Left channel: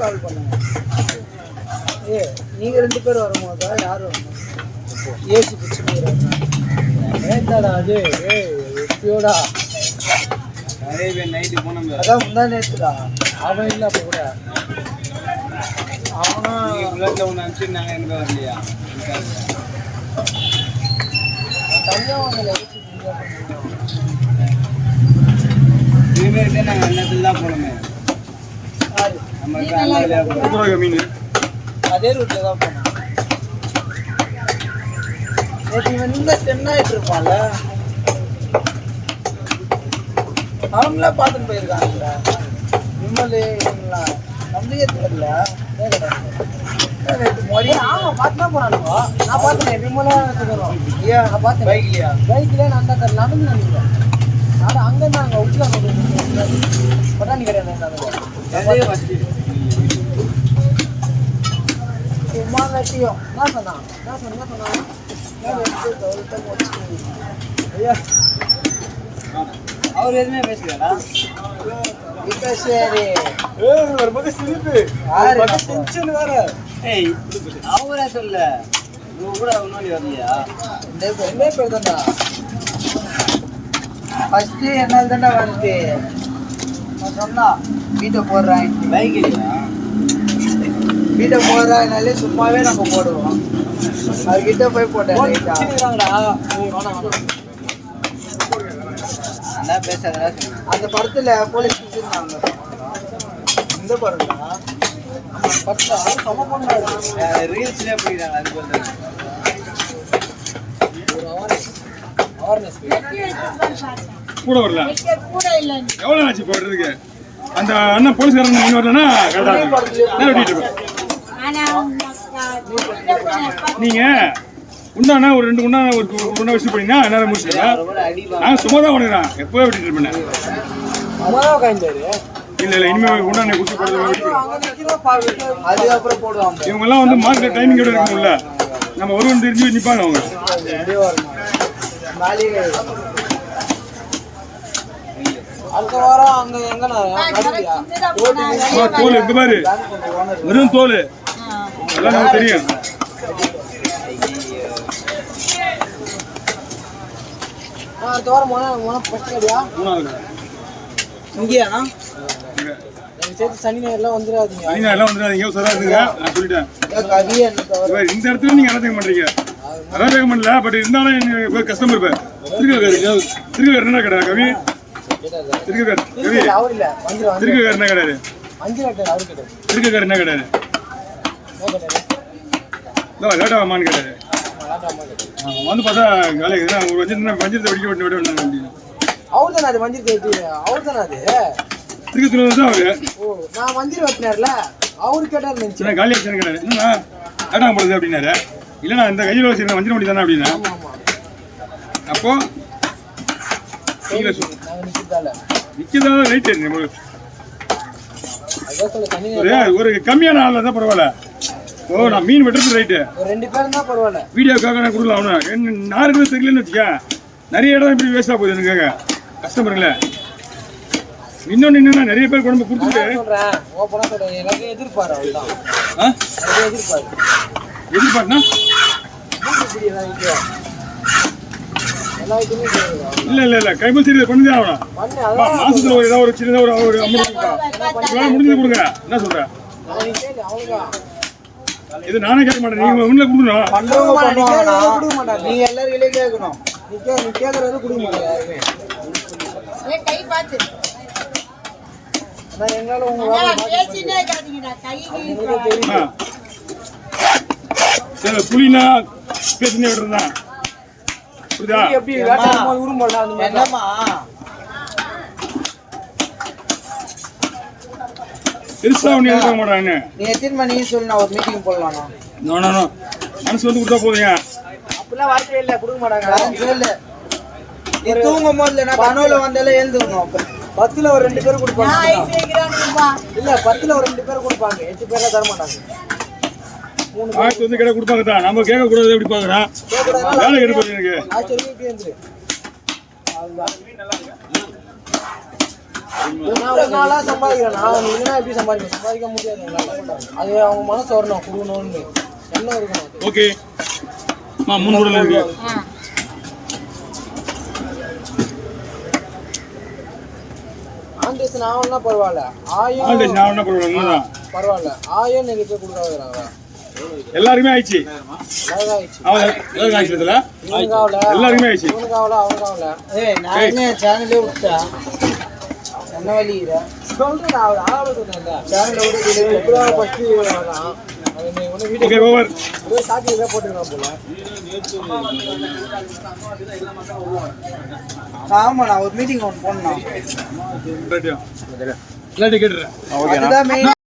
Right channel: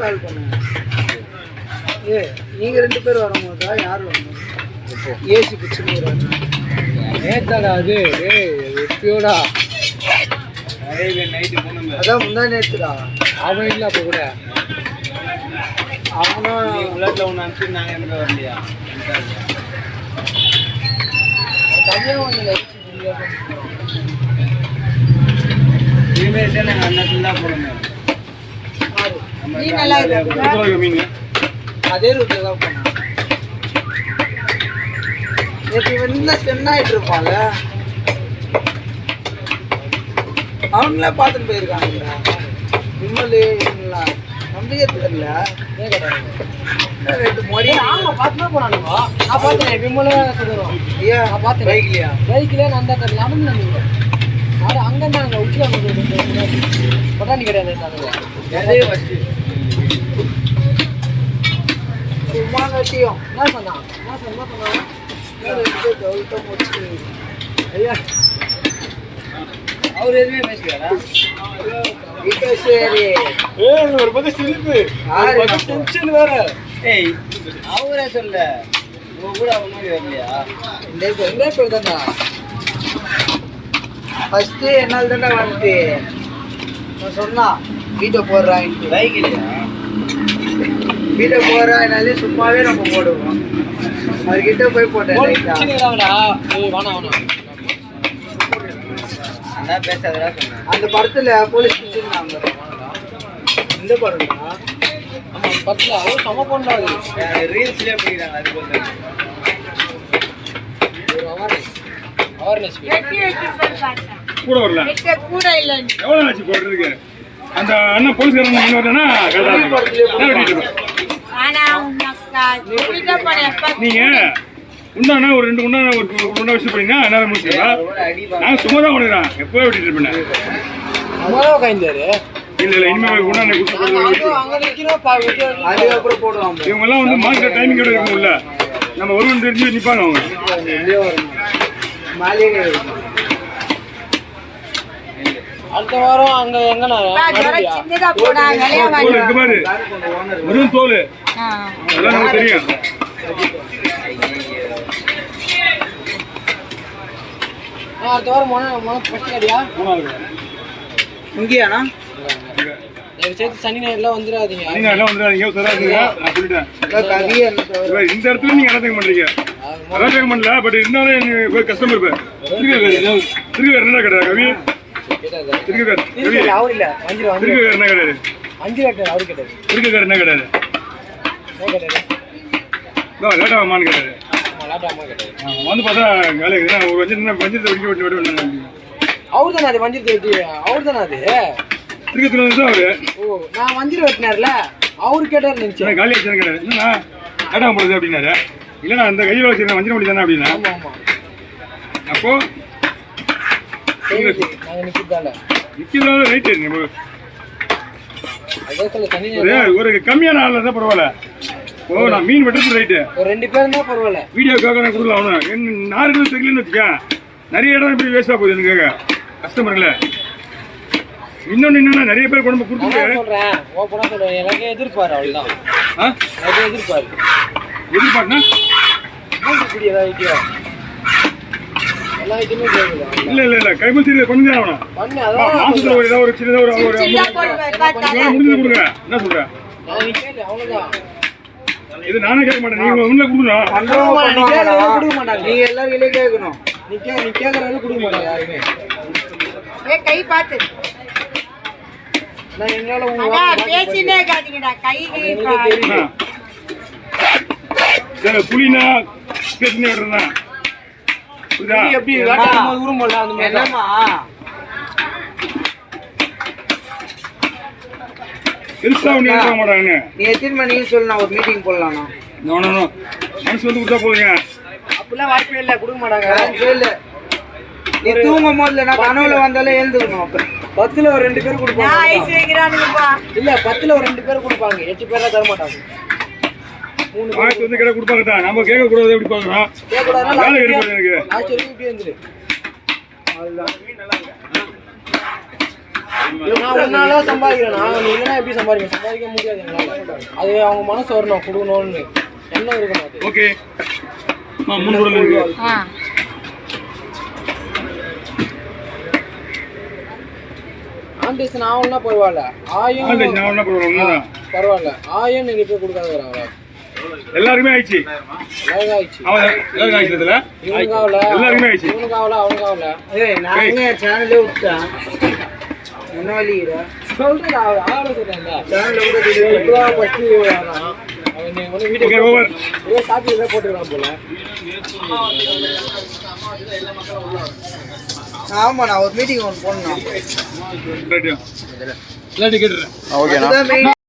கால் பண்ணேன். நீங்க 2 பேர் வரும்போதா யார் வரணும்? ஏசி பிடிச்சுன்னு நேத்தாடா அது எப்பயோடா நைட்டு போனோம். அதான் முந்தா நேற்றுடா. அவன் இல்லை அப்போ கூட அவனும் புல்லட்டில் ஒன்று அனுப்பிச்சு நாங்கள் எனக்கு வரலையா தனியாக ஒன்றும் இனிமேல் நாங்கள் அன்னத்தில் தான் போனோமே. மீன் அதே ரூட்ல தான் போனோம். நேற்று இவன் இன்னும் ஸ்பெண்ட் ஆகிட்டு இருப்பான்ல. அவங்களாம் பார்த்துட்டு போயிருக்காங்கடா. விமல் இவங்களாம் நம்பிக்கை தெரியல. ஆமாம் பார்த்துனா போனானுங்க. நான் பார்த்தேன் விமலாம் சொல்லுறோம். ஐயா நான் பார்த்தேன். பைக்லையா நான் தான் தெரியல. நடந்து நினைக்கிறேன். நான் அங்கே இருந்தாங்க உச்சில் பட்டாணி கிடையாது. சும்மா கட்டியும் என்ன சொன்னான் ஐயா அவர் எதுவுமே பேசுகிறாடா. அவரே சொல்ல கூட முன்னாடி வரலையா? 2 பேர் தான்டா. ஃபஸ்ட்டு என்னால் தாண்டா வந்து நான் சொன்னா வீட்டை போடுறான் பைக் இல்லையா? வீட்டை போடுறா என்னாலே சும்மாவே நம்ம போடுவோம். அவர்கிட்ட போய் போட்டேன். பேசாதா சொன்னேன். அந்த படத்துல போலீஸ் பிடிச்சிருந்தாங்க. இந்த படம்டா படத்துல சம பண்ணாரு. ரீல்ஸ்லயே போயிட்டாங்க. அது போல கூட வரல கூட இல்ல. எவ்வளவு ஆச்சு போடுறதுக்கு? அந்த அண்ணன் போலீஸ்காரன் நீங்க வரலன்னா நீங்க உண்டானா ஒரு 2 குண்டா ஒரு குண்டா வச்சு போனீங்கன்னா என்னால முடிச்சுக்கலாம். நான் சும்மா தான் பண்ணுறேன். எப்போ விட்டுட்டு இருப்பேன். இல்ல இனிமே குண்டா குடிச்சு அதுக்கப்புறம் போடுவாங்க. இவங்க எல்லாம் வந்து மார்க்கெட் டைமிங் இருக்கும்ல. நம்ம வருவோம் தெரிஞ்சு நிப்பாங்க அவங்க. அடுத்த வாரம் அங்க எங்க வெறும் தோல் எல்லாம் நமக்கு தெரியும். அடுத்த வாரம் இங்கேயாண்ணா சனி எல்லாம் வந்துடாதீங்க. இந்த இடத்துல நீங்க எல்லாத்தையும் பண்றீங்க. அதான் பண்ணல. பட் இருந்தாலும் கஸ்டமர் திருக்க என்ன கடை கவி என்ன கிடையாது. என்ன கிடையாது. லேட்டாமான்னு கிடையாது. வந்து பார்த்தா வேலை ஒரு பஞ்சத்தை வெடிக்க விட்டு அவரு தானே அது மஞ்சள் வெட்டி. அவரு தானே அது திருக்கத்துல தான் அவரு. ஓ நான் மஞ்சள் வெட்டினார்ல அவரு கேட்டார். நினைச்சேன் காலி ஆச்சு கிடையாது. என்னன்னா லேட்டாக போடுது அப்படின்னாரு. இல்லைண்ணா இந்த கையில் வச்சுருந்தேன் மஞ்சள் வண்டி தானே அப்படின்னா. அப்போ நிற்கிறதால ரைட்டு ஒரு கம்மியான ஆள் தான் பரவாயில்ல. ஓ நான் மீன் வெட்டுறது ரைட்டு. ஒரு 2 பேர் தான் பரவாயில்ல. வீடியோக்காக நான் கொடுக்கலாம். அவனு நான் இருக்கிறது தெரியலன்னு வச்சுக்கா. நிறைய இடம் இப்படி வேஸ்ட்டாக போகுது எனக்காக கஸ்டமருங்களே. இன்னொன்று என்னன்னா நிறைய பேர் குழம்பு கொடுத்துட்டு எனக்கு எதிர்பாரு. அவ்வளோதான் எதிர்பார்னா இல்ல கைமல் சீரியல் பண்ணி தான் ஆகணும். மாசத்துல ஏதாவது ஒரு சின்னதாக ஒரு முடிஞ்சது கொடுக்குறேன். என்ன சொல்றேன்? இது நானே கேட்க மாட்டேன். நீங்க ஒண்ணுல கொடுக்கணும். நீங்க எல்லாரும் வெளியே கேட்கணும். நீ கேட்கறது கொடுக்க மாட்டேன் யாருமே. கை பார்த்து நான் என்னால புலினா பேசினே விடுறேன். பெருசா ஒண்ணு எழுத மாட்டாங்க. நீ எத்தனை மணிக்கு சொல்லு, நான் ஒரு மீட்டிங் போடலாம்ண்ணா. நோ நோ நோ, மனசு வந்து கொடுத்தா போதுங்க. அப்படிலாம் வாய்ப்பே இல்லை, கொடுக்க மாட்டாங்க. நான் சொல்லு, நீ தூங்கும் போதுல நான் கனவுல வந்தாலே எழுந்துக்கணும். அப்ப 10ல ஒரு 2 பேர் கொடுப்பாங்க. இல்ல 10ல ஒரு 2 பேர் கொடுப்பாங்க, 8 பேர்ல தர மாட்டாங்க. 3 ஆயிரத்தி வந்து கேட்ட கொடுப்பாங்க தான், நம்ம கேட்க கூடாது. எப்படி பாக்குறோம் வேலை எடுப்பாங்க எனக்கு. ஆச்சரிய இப்படி வந்துரு. நான் ஒரு நாளா சம்பாதிக்கிறேன். நீ இல்லைன்னா எப்படி சம்பாதிக்க முடியாது எங்களால. அது அவங்க மனசு வரணும், கொடுக்கணும்னு என்ன இருக்கணும். ஓகே 3 குடல் இருக்கு. ஆண்டேஷன் ஆகணும்னா பரவாயில்ல, ஆயம் பரவாயில்ல, ஆயம் நிறைய பேர் கொடுக்காதுறாங்க. எல்லாருமே ஆயிடுச்சு. எல்லாருக்கும் ஆயிடுச்சு. எல்லாருமே ஆயிடுச்சு. இவனுக்கு ஆகல, அவனுக்கு ஆகல. நான் எங்க சேனல்லே விட்டேன். என்ன வலிக்குதா சொல்றேன், ஆகல சொல்றேன். சேனல்ல விட்டு ஓகே ஓவர். சாப்பிட்டு போட்டுருக்கான் போல. ஆமா, நான் ஒரு மீட்டிங் ஒன்று போடணும். இல்லாட்டி கேட்டுறேன். அதுதான் main.